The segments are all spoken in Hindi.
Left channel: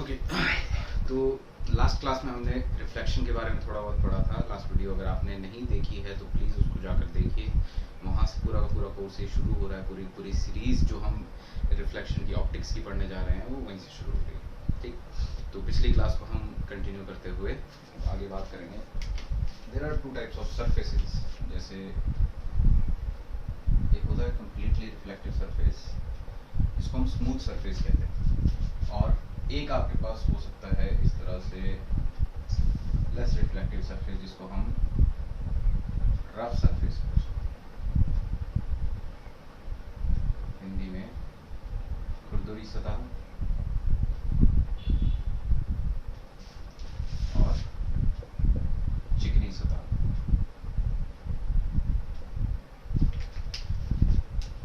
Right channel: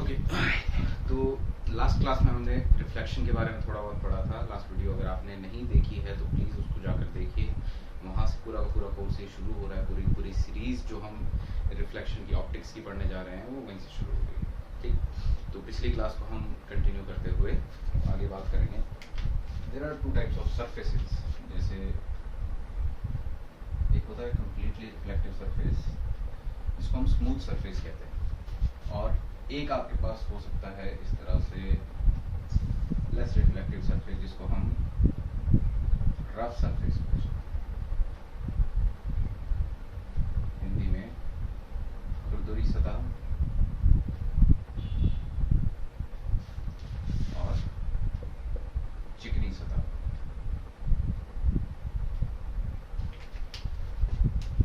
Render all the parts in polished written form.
ओके तो लास्ट क्लास में हमने रिफ्लेक्शन के बारे में थोड़ा बहुत पढ़ा था। लास्ट वीडियो अगर आपने नहीं देखी है तो प्लीज़ उसको जाकर देखिए। वहाँ से पूरा का पूरा कोर्स ये शुरू हो रहा है। पूरी पूरी सीरीज़ जो हम रिफ्लेक्शन की ऑप्टिक्स की पढ़ने जा रहे हैं वो वहीं से शुरू हो गई। ठीक, तो पिछली क्लास को हम कंटिन्यू करते हुए आगे बात करेंगे। There are two types of surfaces. जैसे एक होता है कम्प्लीटली रिफ्लेक्टिव सरफेस, इसको हम स्मूथ सरफेस कहते हैं, और एक आपके पास हो सकता है इस तरह से लेस रिफ्लेक्टिव सरफेस, जिसको हम रफ सरफेस बोल सकते हैं। हिंदी में खुरदुरी सतह और चिकनी सतह।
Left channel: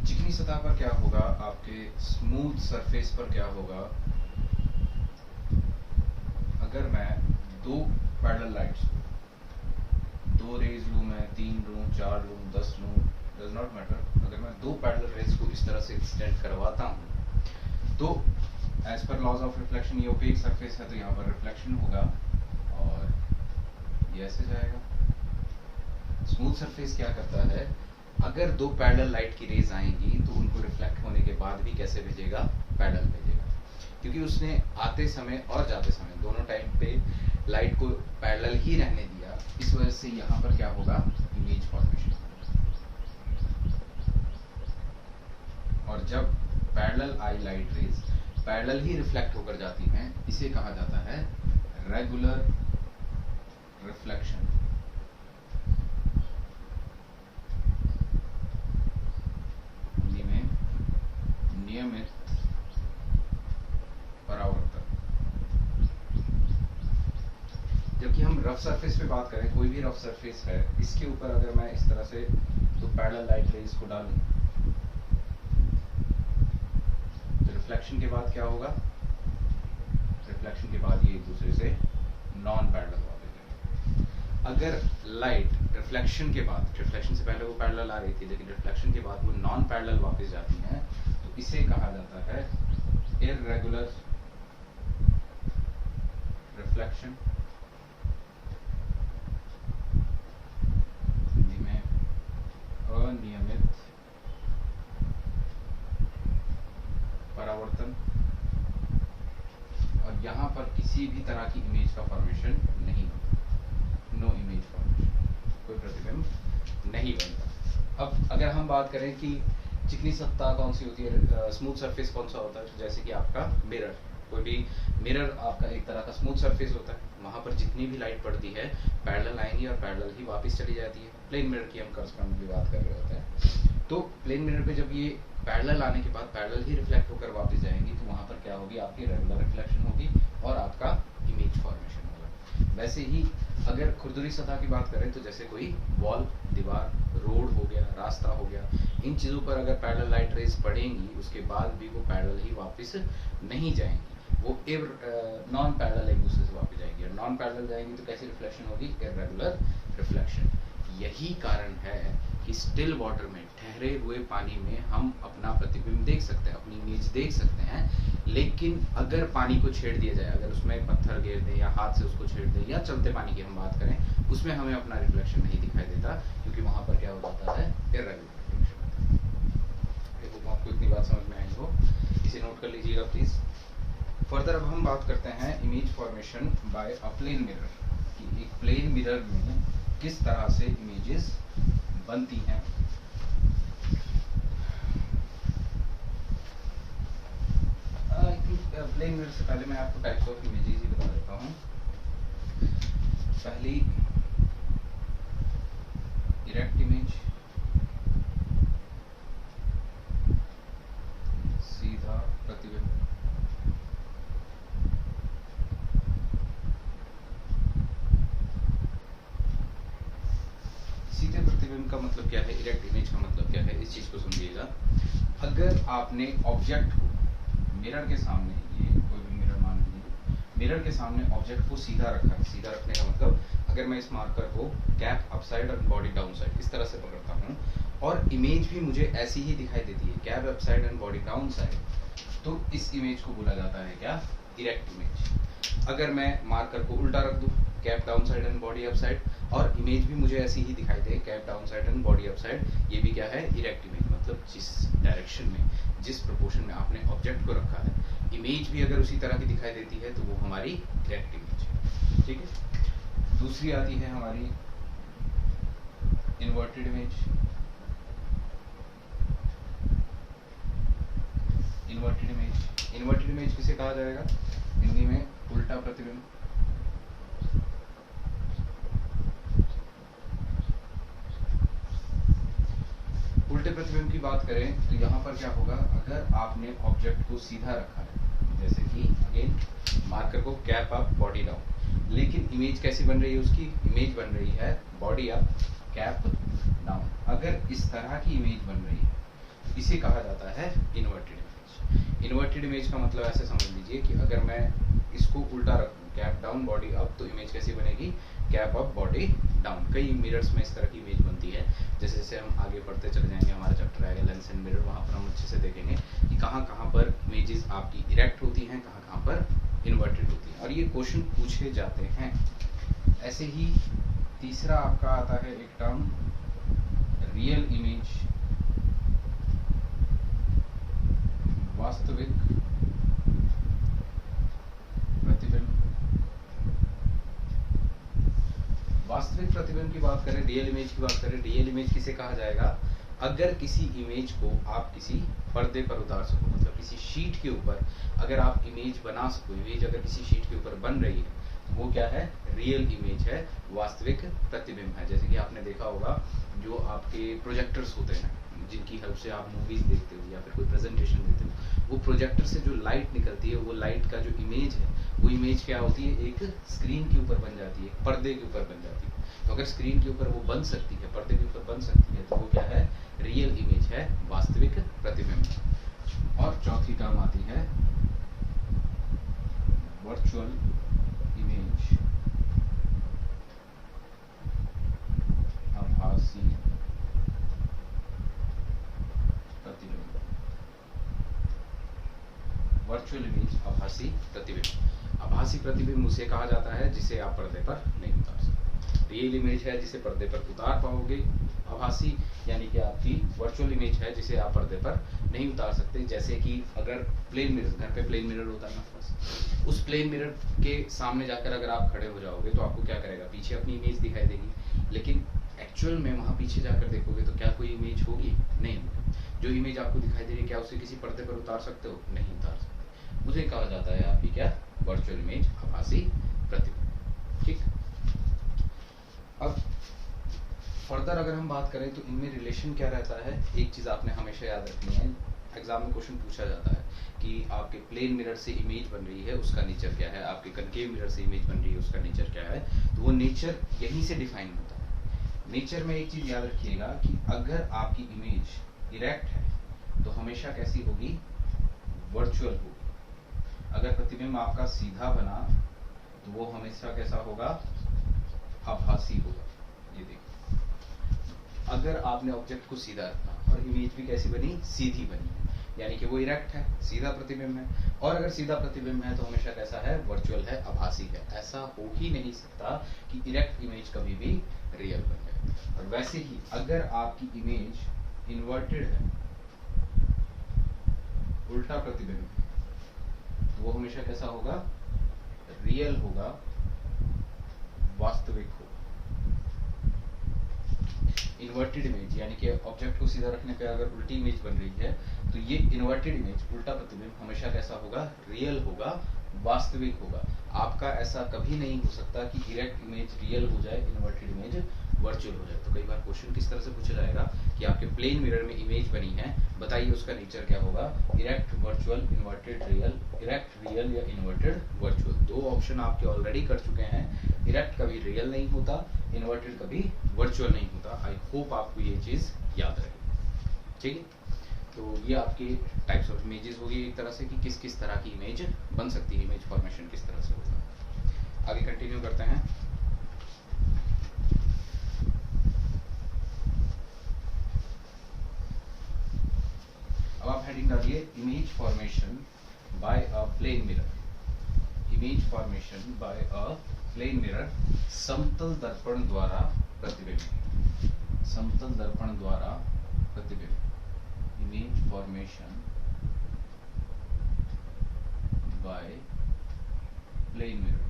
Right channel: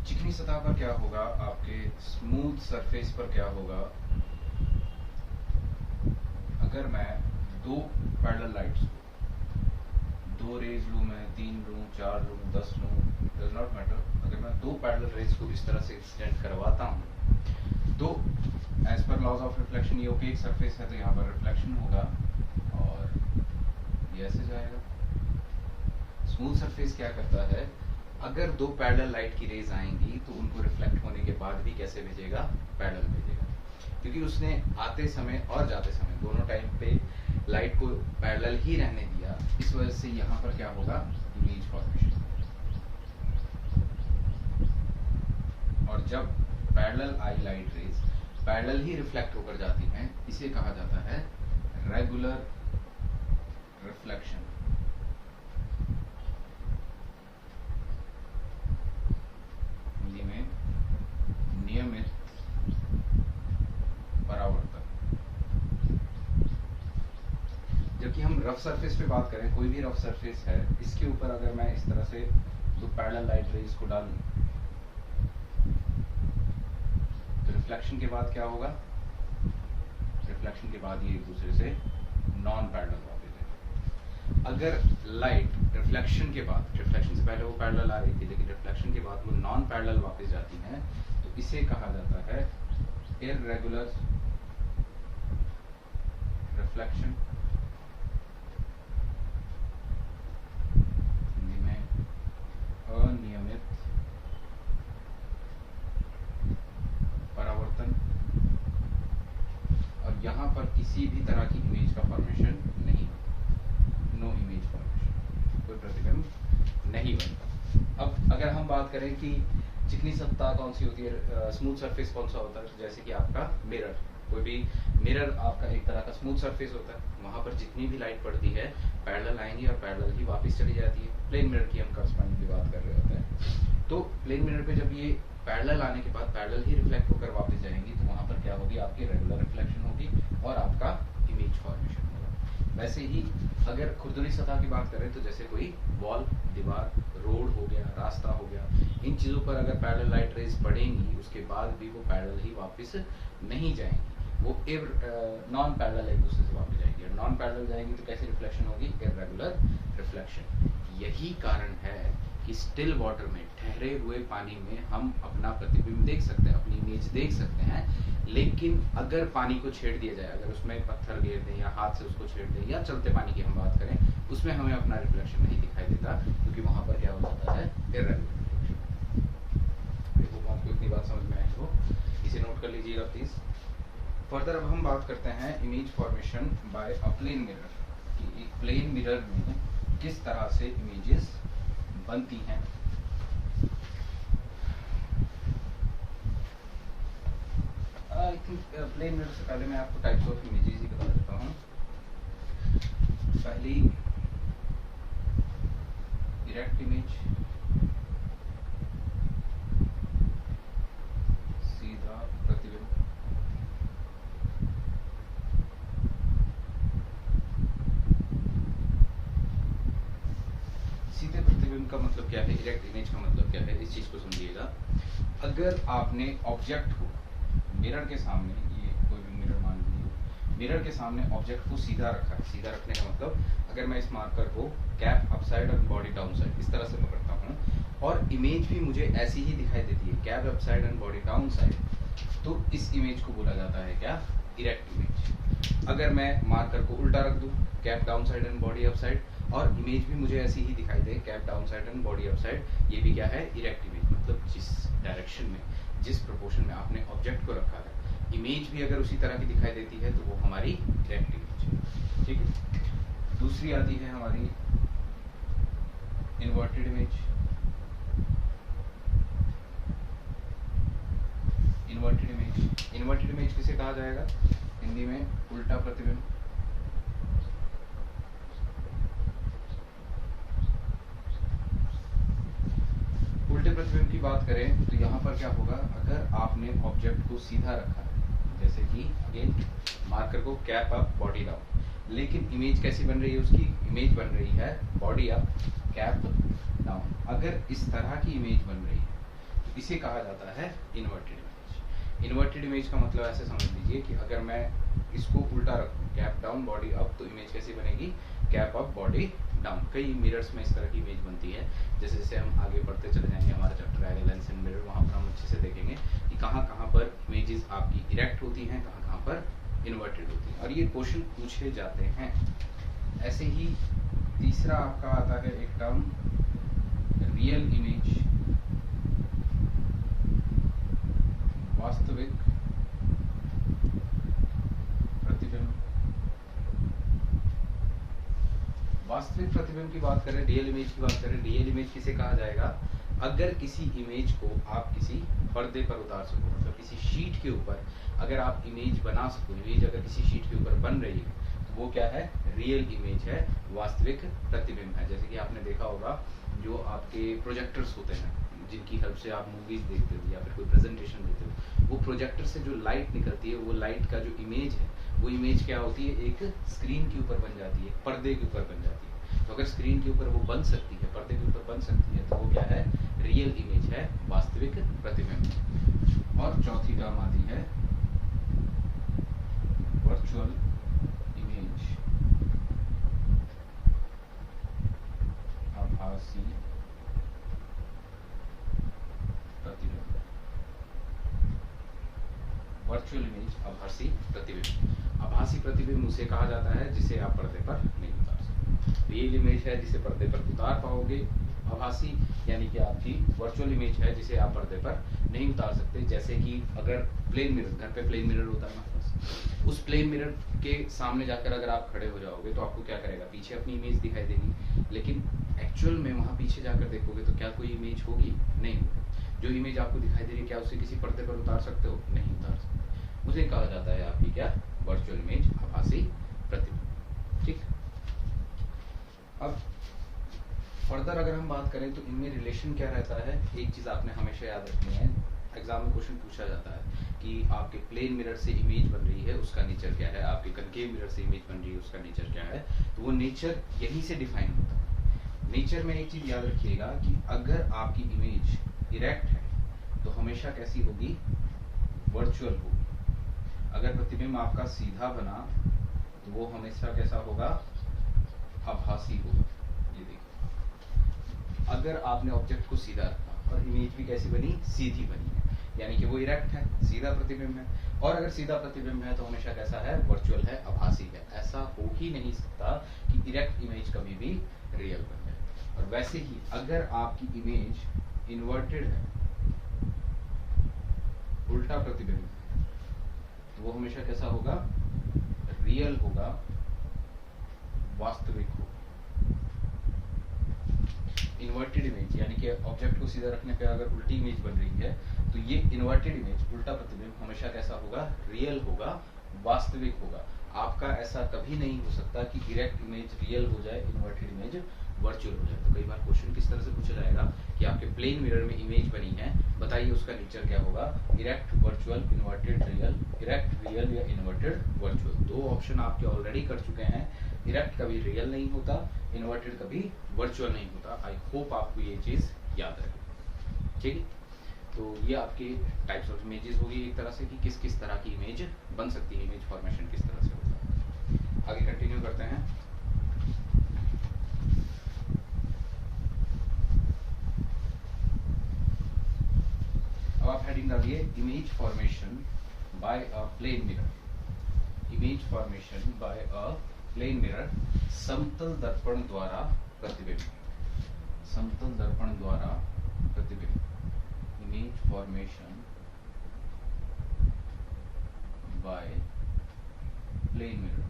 चिकनी सतह पर क्या होगा, आपके स्मूथ सरफेस पर क्या होगा, अगर मैं दो पैरेलल लाइट्स, दो रेज लूँ, मैं 3 लूँ, 4 लूँ, 10 लूँ, डज नॉट मैटर। अगर मैं दो पैरेलल रेज को इस तरह से एक्सटेंड करवाता हूँ तो as per laws of reflection ये ओपेक सरफेस है तो यहाँ पर रिफ्लेक्शन होगा और ये ऐसे जाएगा। स्मूथ सरफेस क्या करता है, अगर दो पैरेलल लाइट की रेज आएंगी तो उनको रिफ्लेक्ट होने के बाद भी कैसे भेजेगा, पैरेलल भेजेगा, क्योंकि उसने आते समय और जाते समय दोनों टाइम पे लाइट को पैरेलल ही रहने दिया। इस वजह से यहाँ पर क्या होगा, इमेज फॉर्मेशन। और जब पैरेलल आई लाइट रेज पैरेलल ही रिफ्लेक्ट होकर जाती हैं, इसे कहा जाता है रेगुलर रिफ्लेक्शन। हिंदी में नियमित परावर्तन। जबकि हम रफ सरफेस पे बात करें, कोई भी रफ सरफेस है, इसके ऊपर अगर मैं इस तरह से तो पैरेलल लाइट रेज को डालूं तो रिफ्लेक्शन के बाद क्या होगा, रिफ्लेक्शन के बाद ये एक दूसरे से नॉन पैरेलल वापस जाएंगे। अगर लाइट रिफ्लेक्शन के बाद, रिफ्लेक्शन से पहले वो पैरेलल आ रही थी लेकिन रिफ्लेक्शन के बाद वो नॉन पैरेलल वापस जाती हैं तो इसे कहा जाता है इररेगुलर रिफ्लेक्शन। हिंदी में अनियमित परावर्तन। और यहाँ पर किसी भी तरह की इमेज का फॉर्मेशन नहीं होता, नो इमेज फॉर्मेशन, कोई प्रतिबिंब नहीं बनता। अब अगर हम बात करें कि चिकनी सतह कौन सी होती है, स्मूथ सरफेस कौन सा होता है, जैसे कि आपका मिरर, कोई भी मिरर आपका एक तरह का स्मूथ सरफेस होता है। वहाँ पर जितनी भी लाइट पड़ती है पैरेलल आएंगी और पैरेलल ही वापस चली जाती है। प्लेन मिरर की हम करस्पॉन्डिंग बात कर रहे होते हैं। तो प्लेन मिरर पे जब ये पैरेलल आने के बाद पैरेलल ही रिफ्लेक्ट होकर वापस जाएंगी तो वहाँ पर क्या होगी, आपकी रेगुलर रिफ्लेक्शन होगी और आपका इमेज फॉर्मेशन होगा। वैसे ही अगर खुरदुरी सतह की बात करें तो जैसे कोई वॉल, दीवार, रोड हो गया, रास्ता हो गया, इन चीज़ों पर अगर पैरेलल लाइट रेज पड़ेंगी उसके बाद भी वो पैरेलल ही वापस नहीं जाएंगी, वो नॉन पैरेलल एक दूसरे से वापस जाएंगी। और नॉन पैरेलल जाएंगी तो कैसी रिफ्लेक्शन होगी, इररेगुलर रिफ्लेक्शन। यही कारण है कि स्टिल वाटर में, ठहरे हुए पानी में हम अपना प्रतिबिंब देख सकते हैं, अपनी इमेज देख सकते हैं, लेकिन अगर पानी को छेड़ दिया जाए, अगर उसमें पत्थर गिर दें या हाथ से उसको छेड़ दें या चलते पानी की हम बात करें, उसमें हमें अपना रिफ्लेक्शन नहीं दिखाई देता, क्योंकि वहां पर क्या हो जाता है, इररेगुलर रिफ्लेक्शन। आपको इतनी बात समझ में आई हो, इसे नोट कर लीजिएगा प्लीज। फर्दर अब हम बात करते हैं image formation by a plane mirror, कि एक प्लेन मिरर में किस तरह से इमेजेस बनती हैं। प्लेन मिरर से पहले मैं आपको टाइप्स ऑफ इमेजेस ही बता देता हूँ। पहली इरेक्ट इमेज, सीधा प्रतिबिंब। सीधे प्रतिबिंब का मतलब क्या है, इरेक्ट इमेज का मतलब क्या है, इस चीज को समझिएगा। अगर आपने ऑब्जेक्ट को मिरर के सामने, ये कोई भी मिरर मान लीजिए, मिरर के सामने ऑब्जेक्ट को सीधा रखा है। सीधा रखने का मतलब, अगर मैं इस मार्कर को कैप अपसाइड और बॉडी डाउन साइड इस तरह से पकड़ता हूँ और इमेज भी मुझे ऐसी ही दिखाई देती है, cap upside and body down side, तो इस इमेज को बोला जाता है क्या, इरेक्ट इमेज। अगर मैं मार्कर को उल्टा रख दूं, cap down side and body up side, और इमेज भी मुझे ऐसी ही दिखाई दे, cap down side and body up side, ये भी क्या है, इरेक्ट इमेज। मतलब जिस डायरेक्शन में, जिस प्रोपोर्शन में आपने ऑब्जेक्ट को रखा है, इमेज भी अगर उसी तरह की दिखाई देती है तो वो हमारी इरेक्ट इमेज है। ठीक है। दूसरी आती है हमारी inverted image. Inverted image, inverted image किसे कहा जाएगा, हिंदी में उल्टा प्रतिबिंब। उल्टे प्रतिबिंब की बात करें तो यहाँ पर क्या होगा, अगर आपने ऑब्जेक्ट को सीधा रखा है, जैसे कि अगेन मार्कर को कैप अप बॉडी डाउन, लेकिन इमेज कैसी बन रही है, उसकी इमेज बन रही है बॉडी अप कैप डाउन। अगर इस तरह की इमेज बन रही है तो इसे कहा जाता है इन्वर्टेड इमेज। इन्वर्टेड इमेज का मतलब ऐसे समझ लीजिए कि अगर मैं इसको उल्टा रखूं, कैप डाउन बॉडी अप, तो इमेज कैसी बनेगी, कैप अप बॉडी डाउन। कई मिरर्स में इस तरह की इमेज बनती है। जैसे जैसे हम आगे बढ़ते चले जाएंगे, हमारा चैप्टर आएगा लेंस एंड मिरर, वहाँ पर हम अच्छे से देखेंगे कि कहाँ कहाँ पर इमेजेस आपकी इरेक्ट होती हैं, कहाँ कहाँ पर इन्वर्टेड होती हैं, और ये क्वेश्चन पूछे जाते हैं। ऐसे ही तीसरा आपका आता है एक टर्म, रियल इमेज, वास्तविक प्रतिबिंब। वास्तविक प्रतिबिंब की बात करें, रियल इमेज की बात करें, रियल इमेज किसे कहा जाएगा, अगर किसी इमेज को आप किसी पर्दे पर उतार सको, मतलब किसी शीट के ऊपर अगर आप इमेज बना सको, इमेज अगर किसी शीट के ऊपर बन रही है तो वो क्या है, रियल इमेज है, वास्तविक प्रतिबिंब है। जैसे कि आपने देखा होगा जो आपके प्रोजेक्टर्स होते हैं, जिनकी हेल्प से आप मूवीज देखते हो या फिर कोई प्रेजेंटेशन देते हो, वो प्रोजेक्टर से जो लाइट निकलती है, वो लाइट का जो इमेज है, वो इमेज क्या होती है, एक स्क्रीन के ऊपर बन जाती है, पर्दे के ऊपर बन जाती है। तो अगर स्क्रीन के ऊपर वो बन सकती है, पर्दे के ऊपर बन सकती है, तो वो क्या है, रियल इमेज है, वास्तविक प्रतिबिंब। और चौथी टर्म आती है वर्चुअल इमेज, आभासी प्रतिबिंब। वर्चुअल इमेज, आभासी प्रतिबिंब। आभासी प्रतिबिंब उसे कहा जाता है जिसे आप पर्दे पर नहीं उतार सकते। रियल इमेज है जिसे पर्दे पर उतार पाओगे, आभासी यानी कि आपकी वर्चुअल इमेज है जिसे आप पर्दे पर नहीं उतार सकते। जैसे कि अगर प्लेन मिरर, घर पे प्लेन मिरर होता है ना, बस उस प्लेन मिरर के सामने जाकर अगर आप खड़े हो जाओगे तो आपको क्या करेगा, पीछे अपनी इमेज दिखाई देगी, लेकिन एक्चुअल में वहां पीछे जाकर देखोगे तो क्या कोई इमेज होगी, नहीं होगी। जो इमेज आपको दिखाई दे रही है, क्या उसे किसी पर्दे पर उतार सकते हो, नहीं उतार सकते। उसे कहा जाता है आपकी क्या, वर्चुअल इमेज, आभासी प्रतिबिंब। ठीक। अब फर्दर अगर हम बात करें तो इनमें रिलेशन क्या रहता है, एक चीज आपने हमेशा याद रखनी है, एग्जाम में क्वेश्चन पूछा जाता है कि आपके प्लेन मिरर से इमेज बन रही है, उसका नेचर क्या है, आपके कनकेव मिरर से इमेज बन रही है, उसका नेचर क्या है। तो वो नेचर यहीं से डिफाइन होता है। नेचर में एक चीज याद रखिएगा कि अगर आपकी इमेज इरेक्ट है तो हमेशा कैसी होगी, वर्चुअल होगी। अगर प्रतिबिंब आपका सीधा बना तो वो हमेशा कैसा होगा, आभासी होगा। ये देखिए, अगर आपने ऑब्जेक्ट को सीधा रखा और इमेज भी कैसी बनी, सीधी बनी है, यानी कि वो इरेक्ट है, सीधा प्रतिबिंब है। और अगर सीधा प्रतिबिंब है तो हमेशा कैसा है, वर्चुअल है, आभासी है। ऐसा हो ही नहीं सकता कि इरेक्ट इमेज कभी भी रियल बन जाए। और वैसे ही अगर आपकी इमेज इन्वर्टेड है, उल्टा प्रतिबिंब, तो वो हमेशा कैसा होगा, रियल होगा, वास्तविक होगा। इन्वर्टेड इमेज यानी कि ऑब्जेक्ट को सीधा रखने पे अगर उल्टी इमेज बन रही है तो ये इन्वर्टेड इमेज, उल्टा प्रतिबिंब हमेशा कैसा होगा, रियल होगा, वास्तविक होगा। आपका ऐसा कभी नहीं हो सकता कि इरेक्ट इमेज रियल हो जाए, इन्वर्टेड इमेज वर्चुअल हो जाए। तो कई बार क्वेश्चन किस तरह से पूछा जाएगा कि आपके प्लेन मिरर में इमेज बनी है, बताइए उसका नेचर क्या होगा, erect, virtual, inverted, real, erect, real या इन्वर्टेड, वर्चुअल। दो ऑप्शन आपके ऑलरेडी कर चुके हैं। इरेक्ट कभी रियल नहीं होता, इन्वर्टेड कभी वर्चुअल नहीं होता। आई होप आपको ये चीज याद रहे। ठीक है, तो ये आपके टाइप्स ऑफ इमेजेस होगी एक तरह से कि किस किस तरह की इमेज बन सकती है, इमेज फॉर्मेशन किस तरह से होगा। आगे कंटिन्यू करते हैं। अब आप हेडिंग डालिए image formation by a plane mirror, image formation by a plane mirror, समतल दर्पण द्वारा प्रतिबिंब, समतल दर्पण द्वारा प्रतिबिंब, image formation by plane mirror.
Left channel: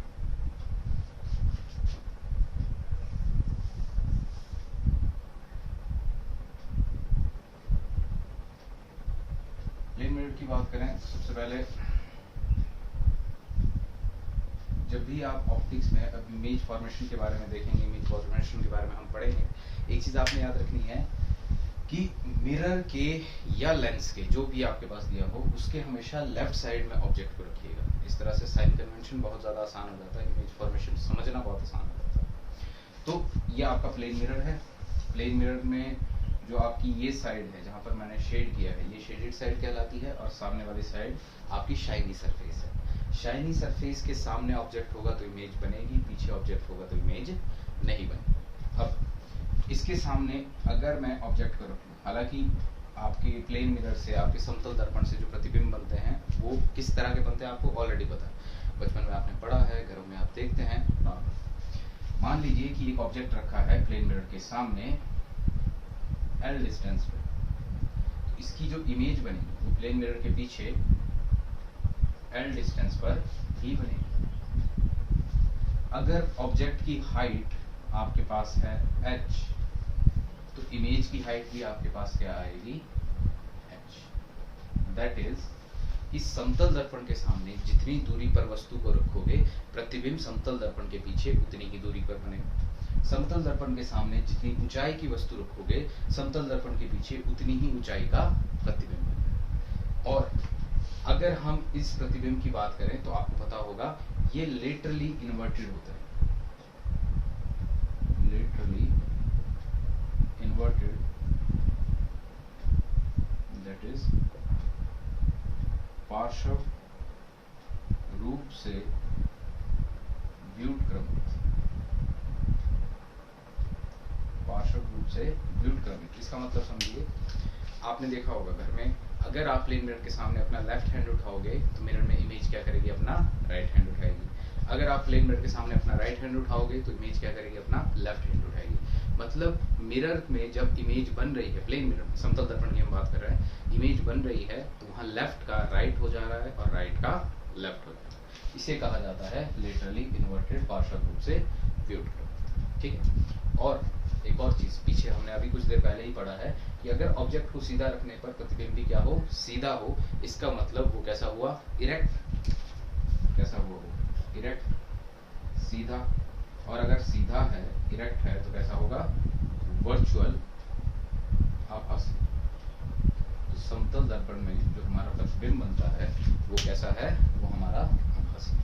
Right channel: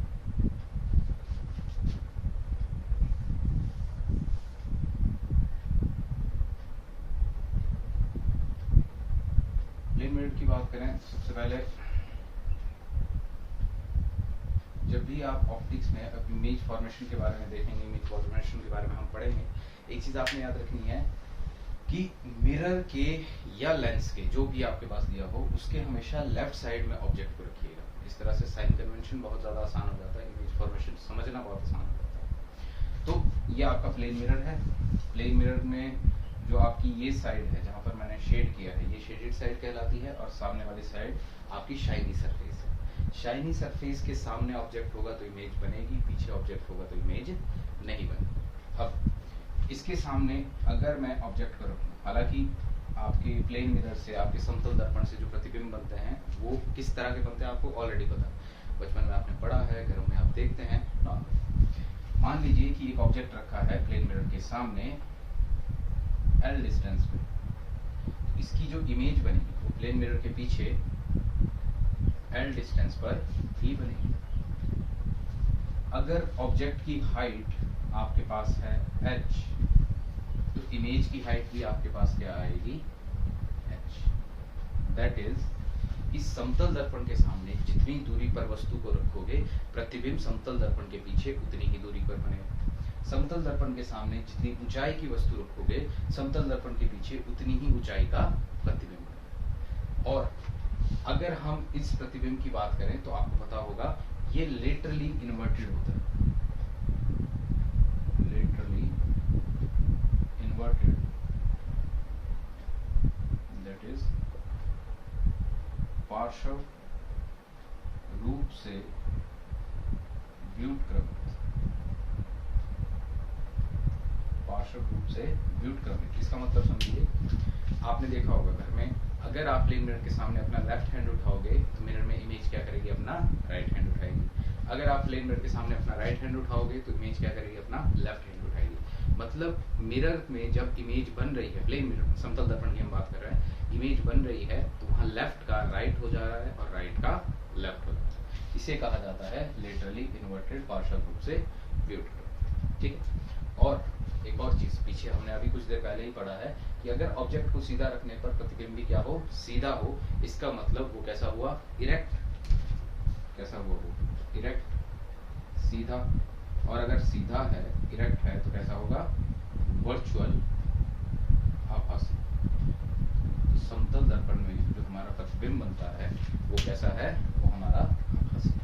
Plane mirror की बात करें तो सबसे पहले जब भी आप ऑप्टिक्स में इमेज फॉर्मेशन के बारे में देखेंगे, इमेज फॉर्मेशन के बारे में हम पढ़ेंगे, एक चीज आपने याद रखनी है कि मिरर के या लेंस के जो भी आपके पास दिया हो उसके हमेशा लेफ्ट साइड में ऑब्जेक्ट को रखिएगा। इस तरह से साइन कन्वेंशन बहुत ज्यादा आसान हो जाता है, इमेज फॉर्मेशन समझना बहुत आसान हो जाता है। तो ये आपका प्लेन मिरर है। प्लेन मिरर में जो आपकी ये साइड है जहां पर मैंने शेड किया है, ये शेडेड साइड कहलाती है, और सामने वाली साइड आपकी शाइनी सरफेस है। शाइनी सरफेस के सामने ऑब्जेक्ट होगा तो इमेज बनेगी, पीछे ऑब्जेक्ट होगा तो इमेज नहीं बनेगी। अब इसके सामने अगर मैं ऑब्जेक्ट को रखूं, हालांकि आपके प्लेन मिरर से, आपके समतल दर्पण से जो प्रतिबिंब बनते हैं वो किस तरह के बनते हैं आपको ऑलरेडी पता है, बचपन में आपने पढ़ा है, घरों में आप देखते हैं। मान लीजिए कि एक ऑब्जेक्ट रखा है प्लेन मिरर के सामने L डिस्टेंस पे, तो इसकी जो इमेज बनेगी वो प्लेन मिरर के पीछे L डिस्टेंस पर ही बनेगी। अगर ऑब्जेक्ट की हाइट आपके पास है h, तो इमेज की हाइट भी आपके पास क्या आएगी, h। दैट इज इस समतल दर्पण के सामने जितनी दूरी पर वस्तु को रखोगे, प्रतिबिंब समतल दर्पण के पीछे उतनी ही दूरी पर बनेगा। समतल दर्पण के सामने जितनी ऊंचाई की वस्तु रखोगे, समतल दर्पण के पीछे उतनी ही ऊंचाई का प्रतिबिंब बनेगा। और अगर हम इस प्रतिबिंब की बात करें तो आपको पता होगा ये लेटरली इन्वर्टेड होता है, लेटरली इन्वर्टेड, दैट इज पार्श्व रूप से व्युत्क्रमित, पार्श्व रूप से व्युत्क्रमित। इसका मतलब समझिए, आपने देखा होगा घर में, अगर आप प्लेन मिरर के सामने अपना लेफ्ट हैंड उठाओगे तो मिरर में इमेज क्या करेगी, अपना राइट हैंड उठाएगी। अगर आप प्लेन मिरर के सामने अपना राइट हैंड उठाओगे तो इमेज क्या करेगी, अपना लेफ्ट हैंड उठाएगी। मतलब मिरर में जब इमेज बन रही है, प्लेन मिरर समतल दर्पण की हम बात कर रहे हैं, इमेज बन रही है तो वहां लेफ्ट का राइट हो जा रहा है और राइट का लेफ्ट हो जा रहा है। इसे कहा जाता है लेटरली इन्वर्टेड, पार्श्व रूप से व्युत्क्रमित। ठीक है। और एक और चीज पीछे हमने अभी कुछ देर पहले ही पढ़ा है कि अगर ऑब्जेक्ट को सीधा रखने पर प्रतिबिंब भी क्या हो, सीधा हो। इसका मतलब वो कैसा हुआ, इरेक्ट। कैसा हुआ वो, इरेक्ट, सीधा। और अगर सीधा है, इरेक्ट है, तो कैसा होगा, वर्चुअल, आभासी। तो समतल दर्पण में जो हमारा प्रतिबिंब बनता है वो कैसा है, वो हमारा आभासी।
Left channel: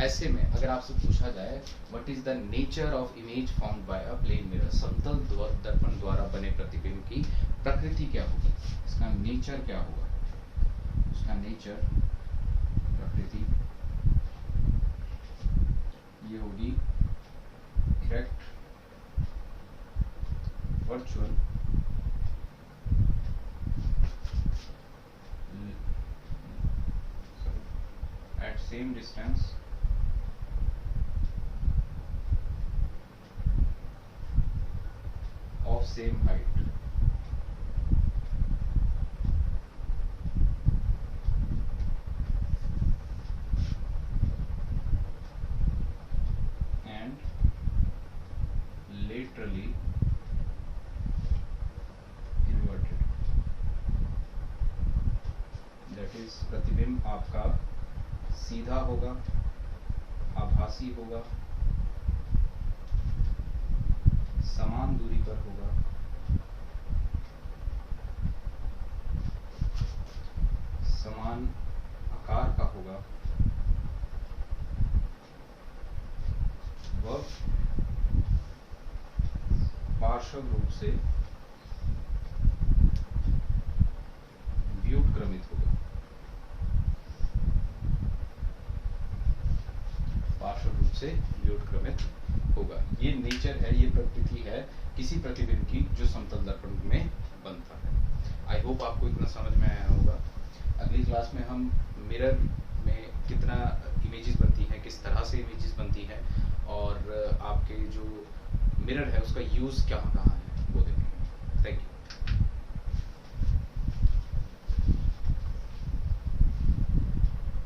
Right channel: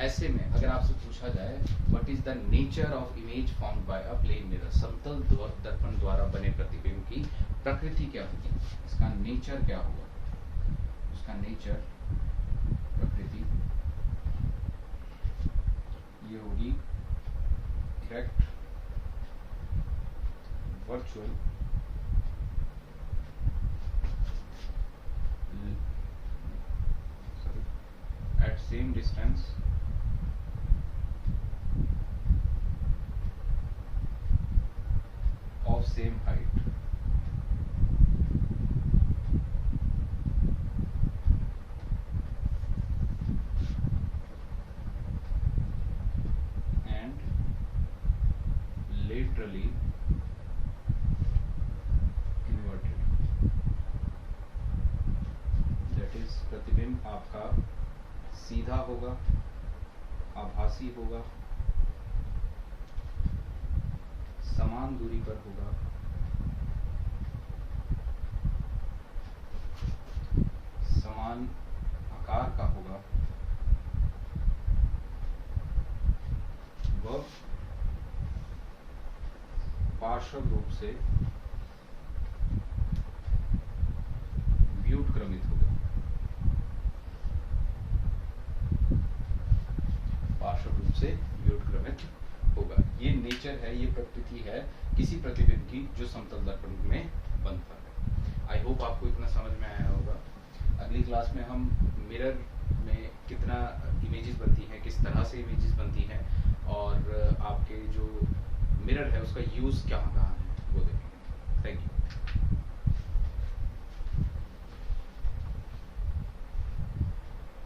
ऐसे में अगर आपसे पूछा जाए what is the nature of image formed by a plane mirror, समतल दर्पण द्वारा बने प्रतिबिंब की प्रकृति क्या होगी, इसका नेचर क्या होगा, उसका नेचर, प्रकृति ये होगी erect, virtual, at same distance, of same height, and laterally inverted, that is प्रतिबिंब आपका सीधा होगा, आभासी होगा, समान दूरी पर होगा, समान आकार का होगा, वह पार्श्व रूप से व्युत्क्रमित होगा, पार्श्व रूप से व्युत्क्रमित होगा। ये नेचर है, ये प्रकृति है किसी प्रतिबिंब की जो समतल दर्पण में बनता है। आई होप आपको इतना समझ में आया होगा। अगली क्लास में हम मिरर में कितना इमेजेस बनती हैं, किस तरह से इमेजेस बनती हैं, और आपके जो मिरर है उसका यूज़ कहाँ कहाँ है वो देखेंगे। Thank you.